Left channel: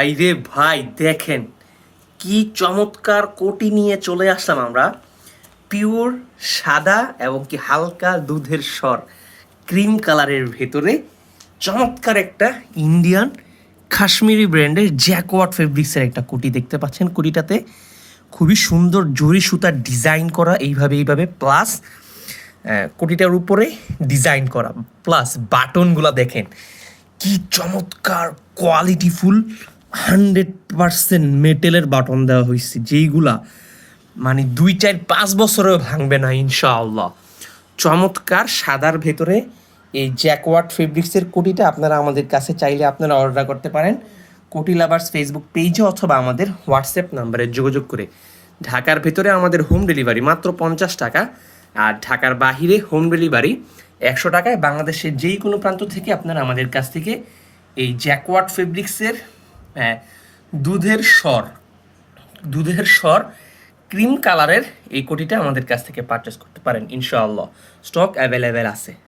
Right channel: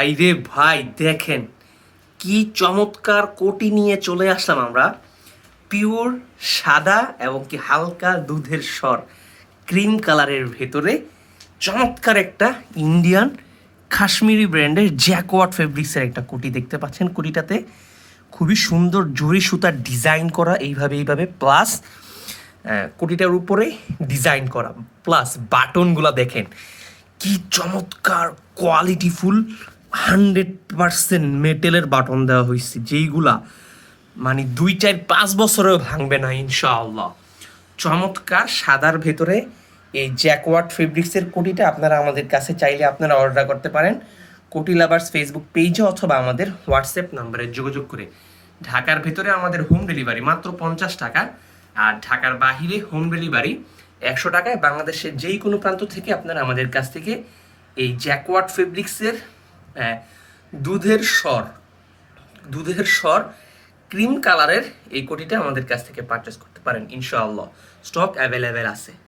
ভাই রে ভাই, দেখেন কি চমৎকার কোটি নিয়ে চলে আসলাম আমরা। পিওর সাদা এবং কি হালকা দুধের স্বর, ক্রিম কালারের ভেতরে চমৎকার একটা ইন্ডিয়ান কাশ্মীরি ব্র্যান্ডের জ্যাকওয়ার্ড ফেব্রিক্সের একটা কোটি দেখতে পাচ্ছেন। কোটিটাতে খুবই সুন্দর জরি সুতার ডিজাইন করা, এইভাবে প্লাস কোটিটার উপরে ডিজাইন করা, প্লাস বাটনগুলা দেখেন কি চমৎকার কোয়ালিটিফুল। 100% মেটেলের বাটন দেওয়া হয়েছে, যেইগুলা মানে 2 4 5 বছরেও ভাঙবে না ইনশাআল্লাহ। চমৎকার সাদার ভেতরে এই জ্যাকওয়ার্ড ফেব্রিক্সের কোটিটা আপনারা আমাদের কাছে চাইলে আপনারা অর্ডার করতে পারেন কোটি লাভার্স ফেসবুক পেজে অথবা আমাদের হোয়াটসঅ্যাপ নাম্বারে যোগাযোগ করে। ঢাকার ভেতরে আমাদের হোম ডেলিভারি মাত্র 50 টাকা, আর ঢাকার বাহিরে হোম ডেলিভারি 100 টাকায়। বাংলাদেশের যেই কোনো প্রান্ত থেকে আপনারা আমাদের কাছ থেকে এই জ্যাকওয়ার্ড ফেব্রিক্সের দুধের স্বর দুধের স্বর ক্রিম কালারের এই কোটিটা আমাদের কাছ থেকে পারচেস করতে পারেন ইনশাআল্লাহ। স্টক অ্যাভেলেবেল আছে।